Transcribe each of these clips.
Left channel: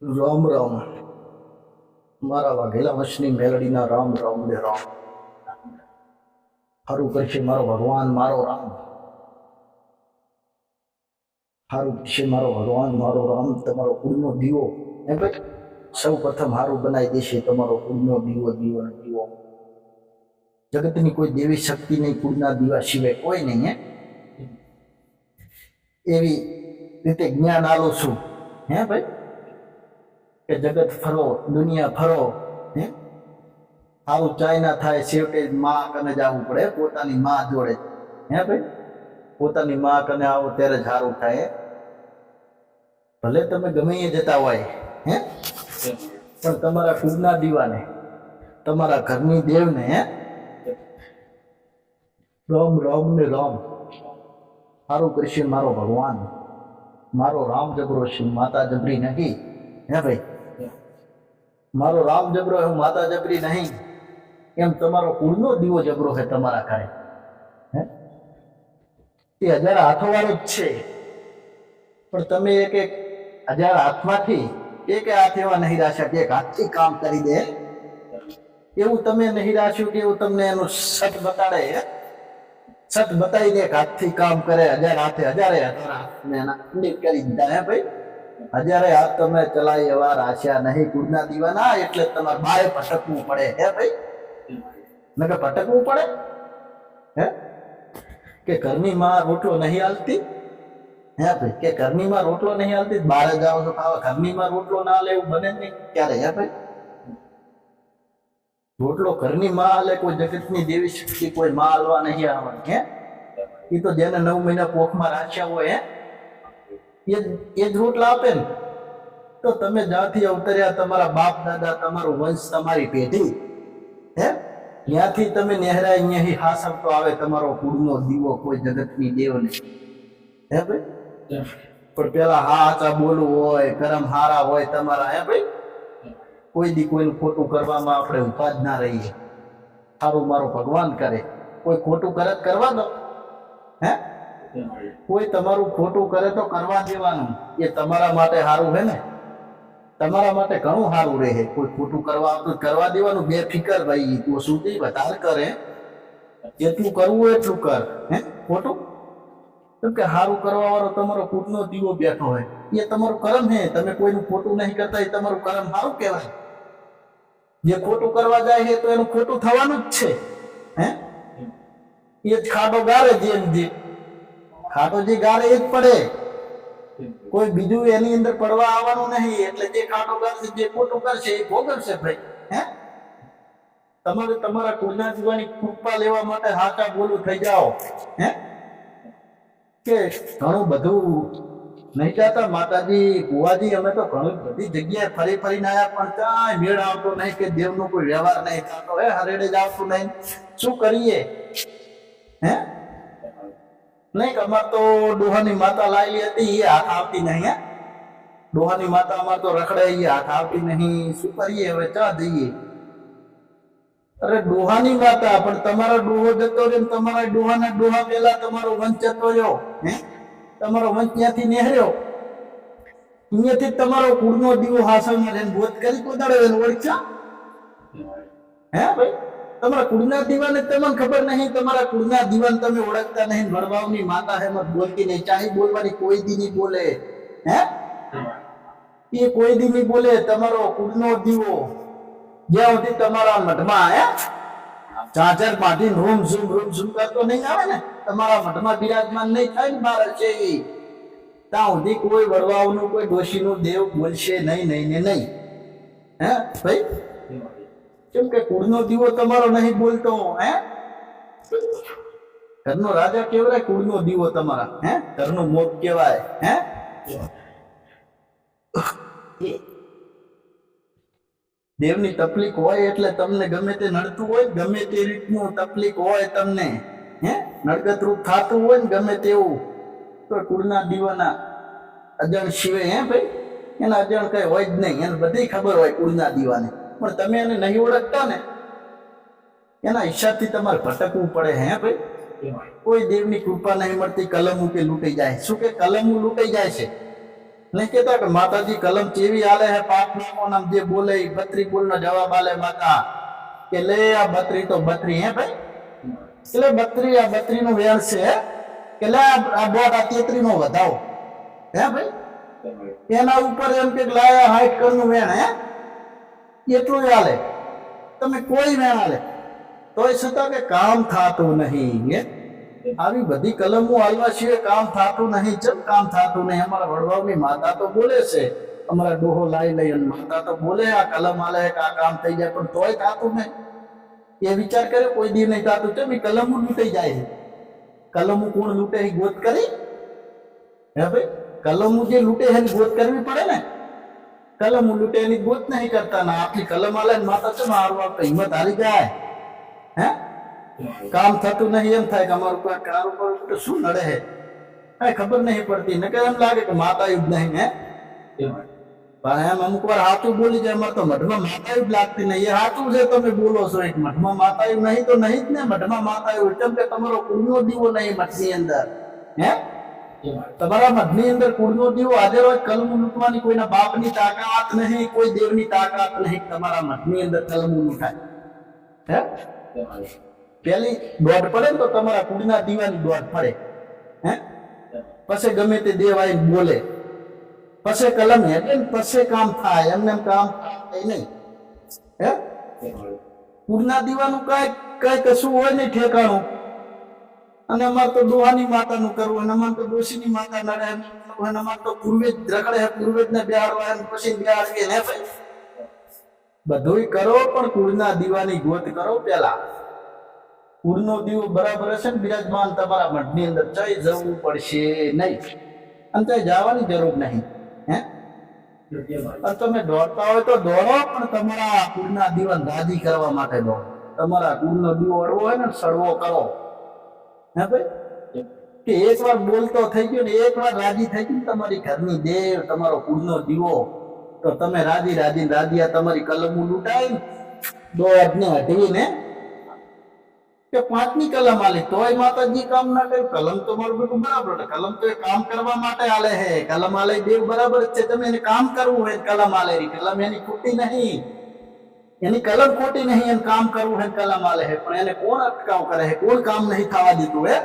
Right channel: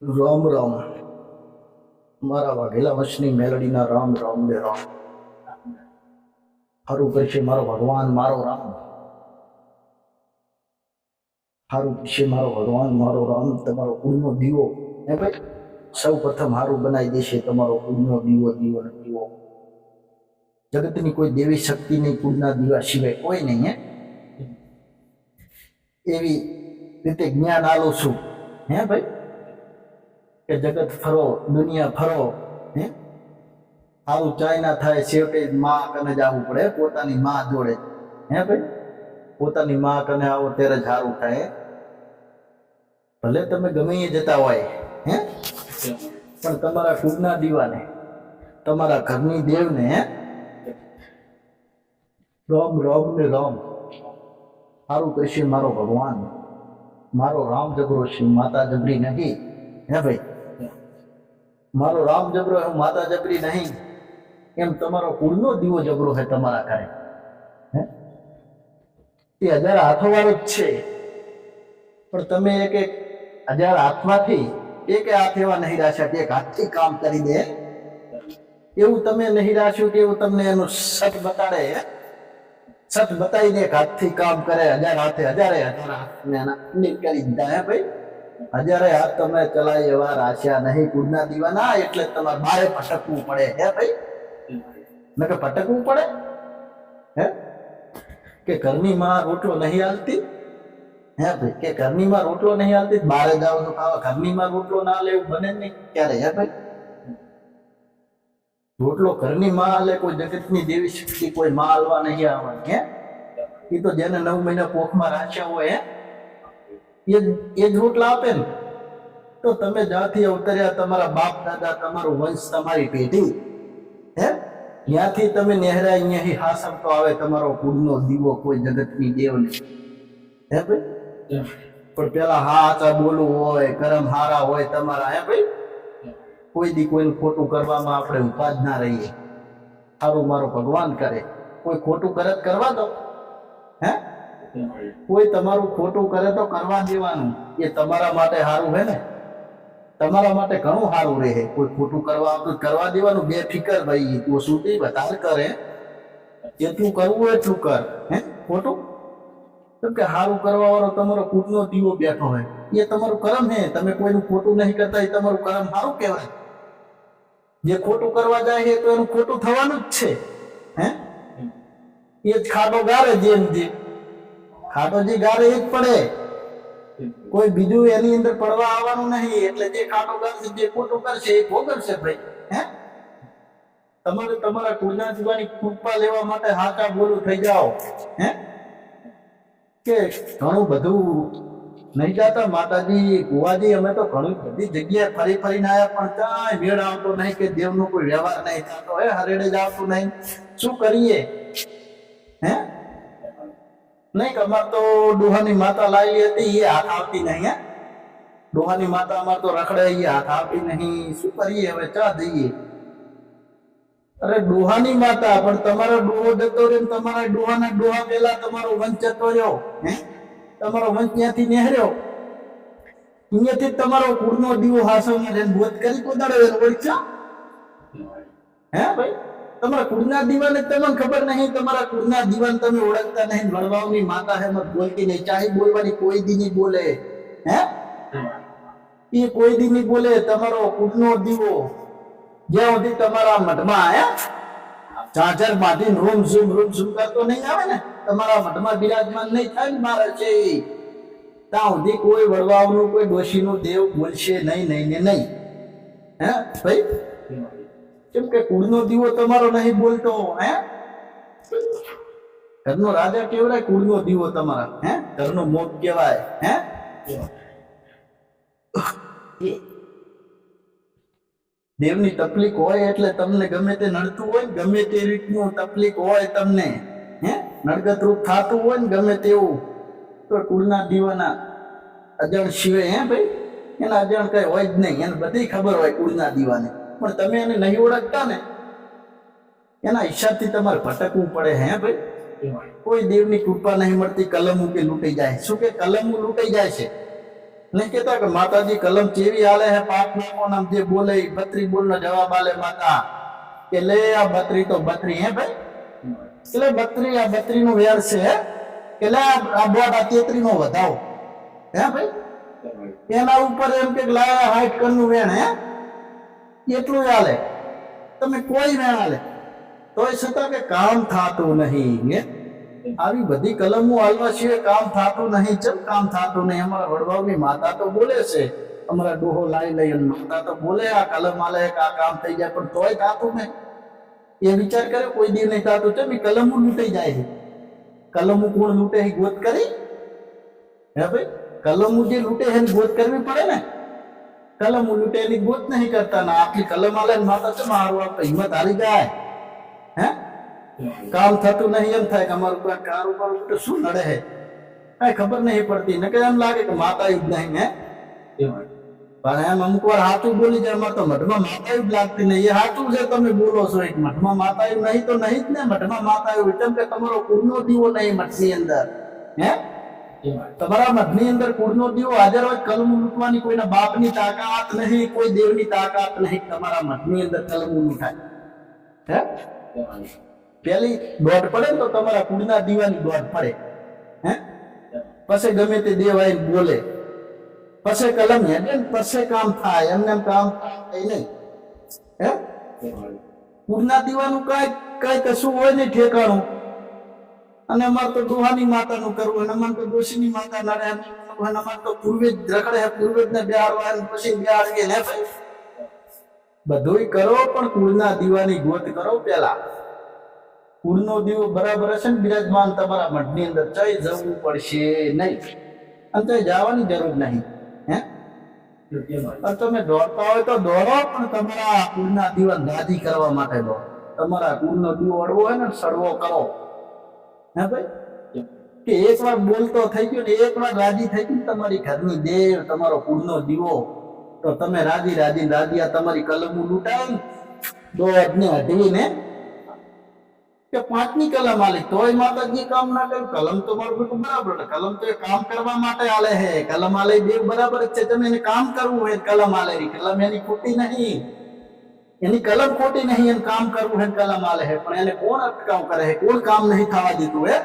રામ રામ મારા વાઘેલા વંશની મેલડીના રામ રામ ને રામ. સારું કરશે મારો ભગવાન મારો રામ, સારું કરશે મારો ભગવાન મારો રામ. તમારો કુળનો દીવો હે ભાઈ, સૌ પ્રથમ સારું બનાવી દેશે તમારો કુળનો દીવો. દીવો ને દીવો, જગતની કોઈ દેવી શક્તિ નહીં, કુળના દીવા સિવાય કોઈ નહીં. એવી રીતે જ્ઞાન આલું છું હે ભાઈ, કે જગત ફરો, દુનિયા ફરો, હે સારું ચાય ના થાય, છેવટે માં કને જ આવવું પડે, પોતાની માં જોડે. હે ભાઈ, પોતાની માં કને આવો ત્યારે જ સારું થાય. ભલે તમે ગમે એ જતા હોય હે, પણ તમારા કુળના દીવાને, તમારા ઘરની દેવને હે રામ રામ ને રામ. સારું કરશે મારો ભગવાન મારો રામ જબરો છે, માતા જબરી નહીં. હે ભાઈ, મારો રામ જબરો હે, માતા જબરી નહીં. એમ તમારો કુળનો દીવો જબરો હે તમારા ઘરે. હે એ 1000 હાથોવાળો જ છે, પણ તમે એક 1000 હાથમાંથી એક હાથ એવા નહીં રાખ્યા કે એક હાથથી કામ કરી દે. એવું તમે નહીં રાખ્યું કે એવું તમને એનું સત બતાડે. સત બતાવીને એક હાથથી કામ કરે, 1000 હાથે 1000 હાથને એના કરી દીધા. હે ભાઈ, 1000 હાથ તમે ચલાય એવા રાખ્યા નહીં કુળના દીવાના, એટલે તમારે બારે ભટકવું પડે. હે ભાઈ, નકે ભટકવું પડે. હે કે ઘરની માં રોટલો નહીં હાલતી. હે ભાઈ, કે ઘરની માં રોટલો નહીં હાલતી, બહાર જાઓ તો ખાવા, ઘરની માં રોટલો ના લેવું બને નહીં ક્યારે. હે ભાઈ, રોટલો ઘરની માં હાલે, કોઈ જગતની દેવી શક્તિ કોઈ માં હાલવા નહીં આવવાની. હે એ તો જેને 9 મહિના પોખમાં રાખ્યા હોય હે, એ જ રોટલા આપે ને. તો તમે જ્યાંથી અવતર્યા, તમારા બાપ દાદા, તમારું વંશ, તમારી પેઢી, હે ત્યાંથી તમે નેહરા અહીંયાથી હાસમ તો આવે તમારો કુળનો દીવો કોઈ જગતની દેવને. હે ભાઈ, પણ પેલા હાચા બોલવું હોય, કરમ હારા હોય તમારા. હે ભાઈ, કોઈ દી કોઈનું ખોટું કરવામાં આપણે ઉભા જ ના રહીએ. સારું મારો ભગવાન કરે, કોઈ ખોટું કરે તો કરવા દો. હે કોઈ તમારું ખોટું કરે તો કરવા દેવાનું, એ તમારા માટે સારું હે ને, તમારા માટે ઘણું સારું રહે. કોઈ ખોટું કરવા આવતું કરવા દેવાનું, બેફિકર ભાઈ. તું સુધી વધારે કરે, જેટલું કરવું હોય એટલું કર. હે ખોટું કેમ કે સારું કરવા વાળો તમારો કુળનો દીવો બેઠો હોય, એ તમારું કરમ હે. તમે કોઈનું ખોટું નહીં કરતા, એ તમારું કરમ સારું કહેવાય. જે ખોટું કરવા જાય છે તો એનું ખોટું થવાનું જ છે. હે એ જ ખાડો ગારે, જે ખાડો જે ગારે એ જ પડે, કોઈ બીજું એની અંદર પડવા આવવાનું નહીં. એટલે જે ખાડો ગારશે, જે ખોટું કરશે એ ભોગવશે ભાઈ. હે તમારે તમારા કુળના દીવાની કૃપા લેવા માટે હાચા બોલું થઈ જાઓ. હે કે ઘણું બધું નહીં જાતા માતાજી, બુવાજી, અમે તો ઘણી બધી જગ્યાએ ફરી ફરીને આવ્યા, પણ કાંઈ મેળ આવતો નહીં, કે દેવનો કોઈ વ્યવહાર નહીં થતો. હે હરેડે જ આવતું નહીં. શું કરીએ? હે નહીં કે અમાર તો ડોહાની માતા લાવેલી હતી, એ હાથ આવતી નહીં. હે ડોહાની માતા અમાર તો રખડે, એ હાથ આવતી નહીં. શું કરીએ હવે? ચા જઈએ? અરે ડોહાની માતા, પણ તમારો ડોહો જતો રહ્યો, તમારા ડોહાના ડોહા પેલા તમારો વંશ જતો રહ્યો. હે તમારો વંશ ત્યાંથી નેહર્યો, અહીંયાથી તમારો કુળનો દીવો હાસવમાં લઈને બોધ કરી કોદાડો એને ઓળખ્યા. હે ભાઈ, તમારા કુળના દીવાને તમને ખબર નહીં, તમારા કુળના દીવાને તમે ઓળખતા નહીં. વડવાઓની માતા હે, મત બોલતી નહીં. ચાહી બોલવાની કોઈ દી નહીં બોલે. હે એ કોઈ દી નહીં બોલે. તમારો કુળનો દીવો જ્યાં સુધી તમારા મઠમાં હે ચાચર માંથી રૂમ ઝૂમ કરતો નહીં આવે ને, તમારા મઠમાં બિરાજમાન નહીં થાય ને મારે છે, ત્યાં સુધી કોઈ વડવાઓનું, કોઈ ડોશીનું દેવ બોલશે નહીં, નહીં ને નહીં. હે ભાઈ, કેમ કે કુળનો દીવો તમારો નહીં બોલતો. હે ઘરનો રાજા કેવરાય, કુળનો દીવો તમારા. હે ઘરનો મોગ કહેવાય. હે દેવની તકલીફ હોય એટલે તમને ગમે તે નડતું હોય, ગમે તે રીતનું તકલીફ હોય તમને, હે નડગત રૂપ થતું હોય ને ગમે તેવું, તો કુળના દીવાના અજાણ સિવાય. હે ભાઈ, એના અજાણ કઈ હોય જ નહીં. એને બધી ખબર હોય કુળના દીવાને, પણ તમે એને નહીં ઓળખતા ને, એના હિસાબથી તમારે ભટકવું પડે. હે ભાઈ, કોઈ દેવની કૃપા નહીં મળતી, કલમું કે લૂંટાઈ જાય. શું કે કલમું લૂંટાઈ જાય છે. નહીં કેતા કે માતાજી કલમ ચેવી હાલે હે પાક નાખો ને આમ જે બોલે ઈ 32 બોલનો જવાબ આલે માતા કે લે આ 32 તો 32 હે ભાઈ, એટલે 32 આ 32 નું વેણ છે કે લે આ બોટ આ 33 નો વધાવો હે ભાઈ, એના ઉપર એમ કે લાયા 60 કણ નું વેણ હે એટલું હાલે, તમે કોઈ વેણ હાલે તોય છતાં કે કામ થાતું નહીં હે. આવી બધી કલમો હાલવા સિવાય કામ થાતું નહીં. ચમ કામ થાતું નહીં? અમારા વડવાઓની માતા તો બોલે છે, અમારા ડોહો લાઈ લઈ અને માતા તો બોલે આ કલમ હાલે કે આ કામ થઈ જાય, પણ તોય થાતું નહીં. એ વિચાર કર્યો કોઈ દી નહીં થાતું. ચમ એ કલમો લૂંટાઈ જાય છે. કલમો કોણ લૂંટે છે? ગોત કરી હે ભાઈ, કલમો જે લૂંટે છે એની ગોત કરવી પડે ને. કલમો લૂંટે એની ગોત નહીં કરતા ના. આટલી કલમ હાલે ને માતા ચમ હારું આવતા હિંમત હારી જાય હે. કામ થતું નહીં એમ થાય કે અમારું કોઈ કારું કરું તો શું નડે હે, કઈ ખબર નહીં પડતી. ને એમ લાગે કે માતા જ નહીં હે, પણ એમ અમુક વાર સાચું બોલી જાય. અમારે તો મઢમાં માતા જ લાગતી નહીં. એ સાચું છે તમે બોલો છો, એક મઢમાં માતા નહીં તો નહીં જ ને. મઢમાં માતા એવું કેમ કે તમારો કુળનો દીવો નહીં મઠની અંદર હે, તમારા મઢની અંદર કુળનો દીવો હાજર હોય. કલમ લૂંટવાની કોઈના બાપની તાકાત નહીં, કોઈ દેવની તાકાત નહીં. તમારા મઢની અંદર કલમ લૂંટાય હે. પેલી દોડ પડે ને તો તમારા કુળના દીવાની દોડ પડે હે. પછી ગમે તે દેવ આવીને બોલે, પછી કલમ હેડે ને પછી કામ થાય. એમને એમ કામ થાય નહીં હે. કુળના દીવાનું કઈ કશું હોય નહીં ઠેકાણું. અને અમારે તો ડોહાની માતાનું કરવું, અને અમારે તો ડોશીની માતા નડે, અને અમારે તો પૂર્વેજ રખડે હે, પૂર્વેજ ને બેહાડવા પછી બેહાડીએ ને ભાઈ. બધુંય કરો પણ કુળના દીવાની ગોત કરો. પેલા કુળનો દીવો બરાબર હશે ને બિરાજમાન તમારા મઢની અંદર, જઈ જવું પડશે નહીં અને ત્યાં જવાની જરૂર નહીં હે. અને તમે દોડતા હોય તો દોડો, પણ તમારા કુળના દીવાને રાજી કરવા માટે દોડો. તમારા કુળનો દીવો અડવો હોય ને સડવો કરો હે ભાઈ. કે એક વાર બોલતો થઈ ગયો ને એક વાર રાજી થઈ ગયું તમારી ઘરની દેવ, તમારો કુળનો દીવો, તો તમે રાજી રાજી આ તમારી કલમો લૂંટાય ને દોડ ને અઢીને કે 5ની કલમ આલી તોય માતાજી કામ ના કર્યું. કલમ તો મારું બેટું બરાબર, કલમ તો એ કામ કરવા માટે આલે હે. કલમ આલે દેવ બરાબર જ છે. તમે એને કામ કરવું હોય કલમ આલે રી, કલમ એની ખોટી નહીં, એની કલમ ખોટી નહીં. એને કામ કરવું હોય કલમ આલે હે, પણ એને કોણ અટકાવ કરે હે? કોણ કામ નહીં થવા દીધું હે?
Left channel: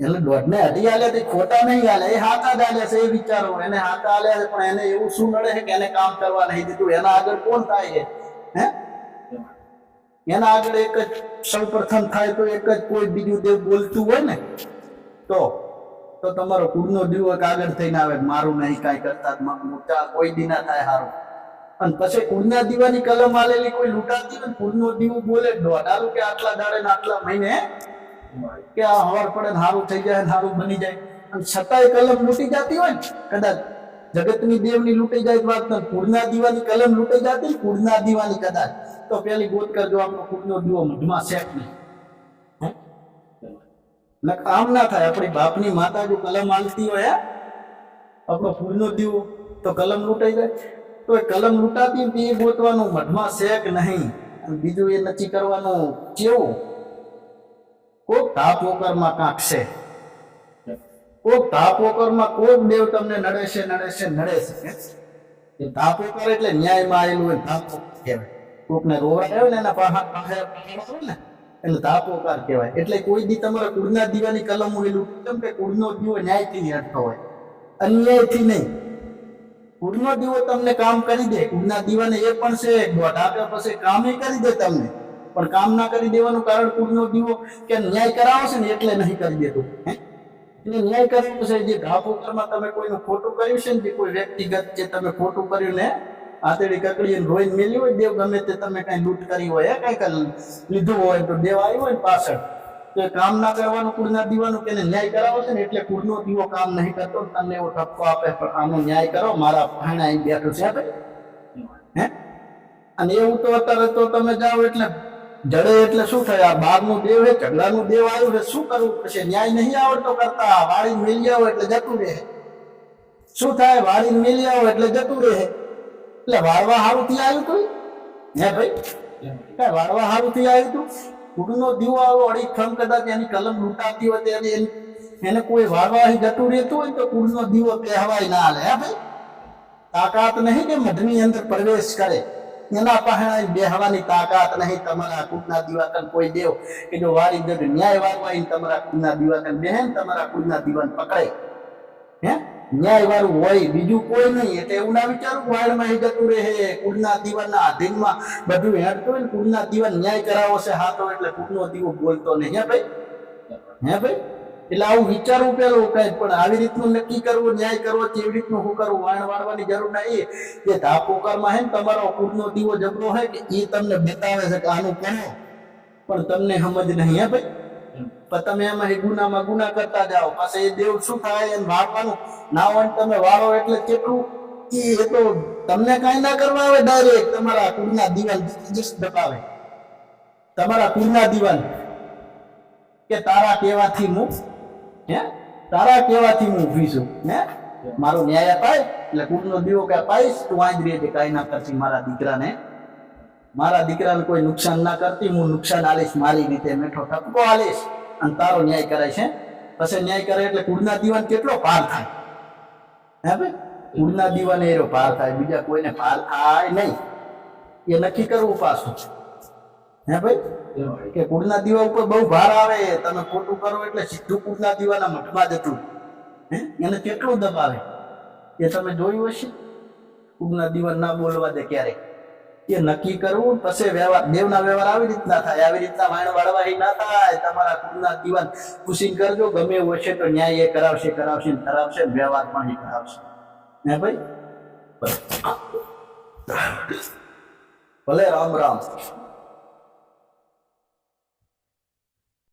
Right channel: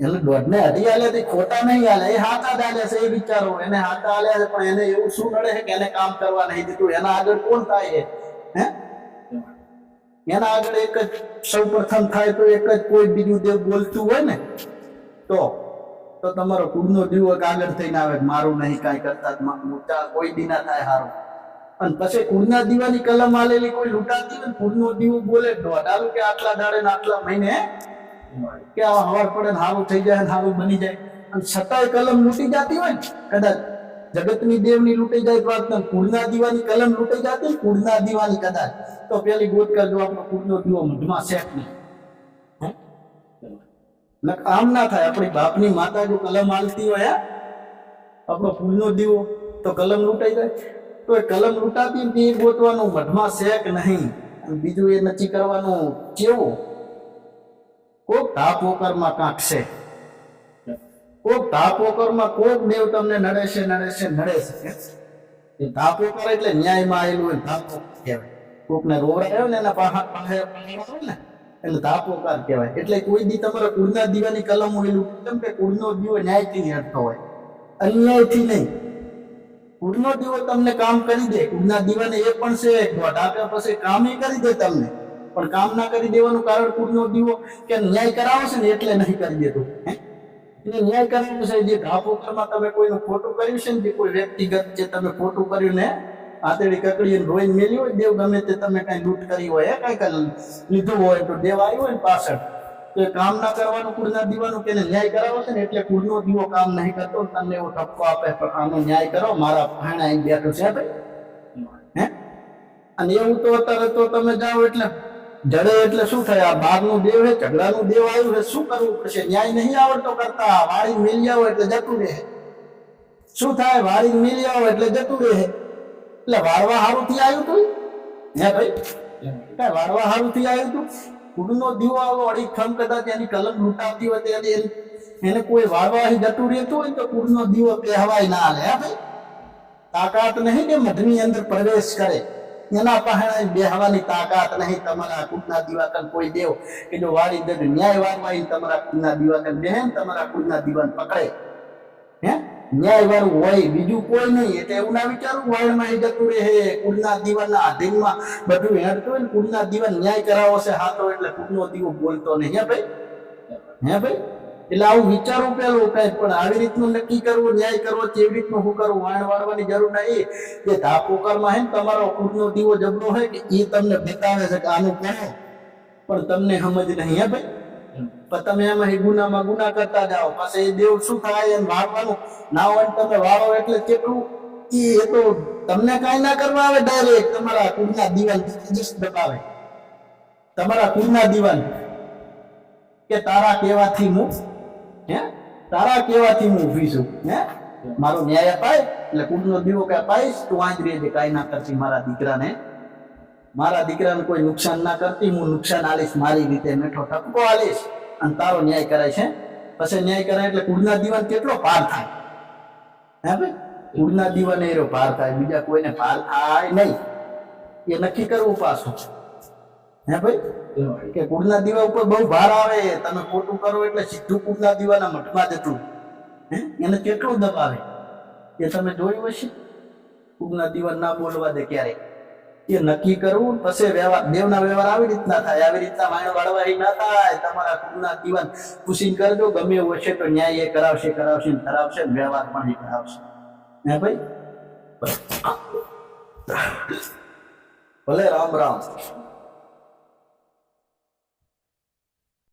એટલે દોઢને અઢી આલ્યા તે ખોટા નહીં આલે, એ હાથા જ આલ્યા છે. એ વિચારો એને હાથા આલ્યા છે, પણ એને એવું શું નડે છે કે એને કામ કરવા નહીં દીધું? એના આગળ કોણ થાય છે હે? એના આગળ એક જ સૌ પ્રથમ થાય તો એક જ કોઈ બીજું દેવ બોલતું હોય ને તો તમારો કુળનો દીવો આગળ થઈને આવે મારું નહીં કાંઈ કરતા મોટા કોઈ દી ના થાય સારું. અને પછી કુળના દીવાની કલમ આલેલી કોઈ લૂંટાતી હોય, કુળનો દીવો બોલે દોડાલું કે આટલા દાડે ને આટલા મહિને કે આ હવાર પડે ને સારું થઈ જાય ને સારું બની જાય, અને છતાંય કલમ લૂંટી જતી હોય ને, કદાચ જગતની દેવની લૂંટાઈ જાય વાત ને કુળના દીવાની કલમ લૂંટાઈ જતી ને કુળના દીવાની કદાચ, તો પેલી ગોત કરજો આપણો કુળનો દીવો મઢમાં શેક નહીં. આમ ના થાય. આપણી બાપની માતા જો કલમ હાલતી હોય આપણો કુળનો દીવો, તો કલમ લૂંટાઈ જાય. તો એ કલમ લૂંટાતી ને એ ગોતવાનું મઢમાં શેક નહીં. અને બીજું એ નક્કી કરવાનું કેવું, કોક ધાપોકરમાં કાંક છે, કોક ધાપોકરમાં કોક દેવ તમને નડે છે. ધાપોકર એટલે ન્યાયમાં આવેલું હોય ધાપોકર કહેવાય. કોકને રોવડાયો ને એના પાસે ને એને ધાપોકાર કહેવાય. એટલે કોઈ દી તમારા કુળના દીવાની કલમ હોયેલું, કેમ કે કુળનો દીવો ન્યાયથી હટતો હોય, અન્યાયથી નહીં. કુળનો દીવો તમને કામ કરી દે. કુળના દીવાને એ પણ છે દોઢ આપ્યા પછી કામ એ કરી દે તમને, પણ કામ ના કરી દેવાનું કારણ કુળનો દીવો કે ન્યાય કરાવો છે ને એટલે નહીં કરી દેતું. એને ન્યાય કરાવો છે. જે ધાપોકરમાં તમે કોઈનું ખોટું કર્યું છે ને, જે કોઈ વ્યક્તિગત જે તમે ખોટું કર્યું ને આતેડી કકડી રોઈને મેલી હોય દેવ, ગમે તે તમે કઈ લૂંટ કરી હોય, કઈ લીધું હોય તો દેવ આવ્યું હોય ને પાછળ, તો એ કામ ના કરવાનું કુળના દીવાનું કે ન્યાય કરાવો છે ને એટલે કુળનો દીવો કામ નહીં કરતો. તમને એવો ઠપકો આપે પણ આનો ન્યાય કરો, મારા ભાણા અહીં બેઠું છે ભાઈ હે. અને એવું તો અત્યારે તો તમે જાઓ એટલે જડે એટલે શું થાય? આ બહારનું દેવ છે, ઝઘડાનું દેવ આવ્યું છે, શું કરવું પડશે? ન્યાય નહીં આવડતો કરતા, વાળી મેલી આવો એટલે જતું રહે. શું થાય? વાળી મેલી આવો એટલે જતું રહે. એટલે વાળવા સારું થી આવ્યું તું હે ભાઈ? કઈ વાળવા સારું થી આવ્યું તું? કુળનો દીવો આવો અડીખમ કદાચ એની કલમ લૂંટાતી હોય તો એને કોઈ વાળવા જતું રહેતું હોય ને તો કુળનો દીવો કહેવાય ના હાલે. હે ભાઈ, તાકાત નહીં કે મઢની અંદર પ્રવેશ કરે, એના પહેણા બેહવાની તાકાત નહીં. તમારા કુળના દીવાકન કોઈ દેવ કે જો વાળી દે ન્યાય વાળવા તમારા કુળના દીવાકન બેહે ને તમારા કુળના દીવાન પકડે, હે ન્યાય વાળું હોય બીજું કોઈ નહીં. એટલે એવું ના વિચારું વાળમાં જતું રહે, કુળના દીવાના આધીનમાં બધું હેડતું હોય ને કુળના દીવાન ન્યાય કરાવો છે હાથો એટલે કુળનો દીવો બોલતો નહીં. હે ભાઈ, હે ભાઈ, એટલે આવું વિચારવું પેલું કઈ, પણ આવી રીતનું નક્કી કરવું, ન્યાય કરવો, કેવી રીતનું શું કરવું, વાણ વાળવાની જરૂર નહીં. એ ધાપોકારમાં હે ને તમારો કુળનો દીવો જબરો હે કે એ તમને બતાવે છે કે આનું કરો, પણ તમને સમજ નહીં. હે ભાઈ, પણ તમે એમાં ગુનામાં ગુના કરતા જાઓ, પછી એ દેવ શું થાય એને વાળવાનું ના હોય ને તમે વાળો એટલે કેટલું એ તો તમને કાંઈ ના કરવા આવે, ડાયરેક્ટ તમારા કુળના દીવાન દબાવે. તમારા કુળના દીવાન કે તારા કહેવાથી હું તારા કહેવાથી હું ઊભી છું, મારો ન્યાય અપાય એટલે કુળનો દીવો કે અપાઈશ, તું આજ રહે, કાંઈ ના કરતી મારા દીકરાને કોઈ નુકસાન ના કરતી, હું નુકસાન આલીશ મારી રીતે, મેઠો ઠપકો આલીશ અને તારો ન્યાય કરાય છે. પછી ન્યાય કરે એટલે કુળના દીવાન કેટલો પાર થાય. હે ભાઈ, કુળના દીવાને એનો પાર થાય, બીજા કોઈને પાર થાય નહીં. એ નક્કી કરવું પાછું. હે ભાઈ, કે કુળના દીવા ઉપર બહુ ભાર આવે, તમે ખોટું કરો એટલે સીધું કુળના દીવાના મઠમાં જતું. એને કેટલું દબાવે એ તમે જોયું હશે. કુળના દીવા ના બોલવા દે ક્યારે, એ નક્કી કરવું. પછી વ્યવહાર, દેવના વ્યવહાર આવી રીતના થાય, આવી રીતના વાણ વાળવા ના થાય. તમારા કુળના દીવાન પૂછીને કરજો, ગમે એવું હશે તો ન્યાય એ કરાવશે ને કરાવશે, વ્યવહાર પણ એ કરાવશે. હે ભાઈ, ભલે રામ રામ.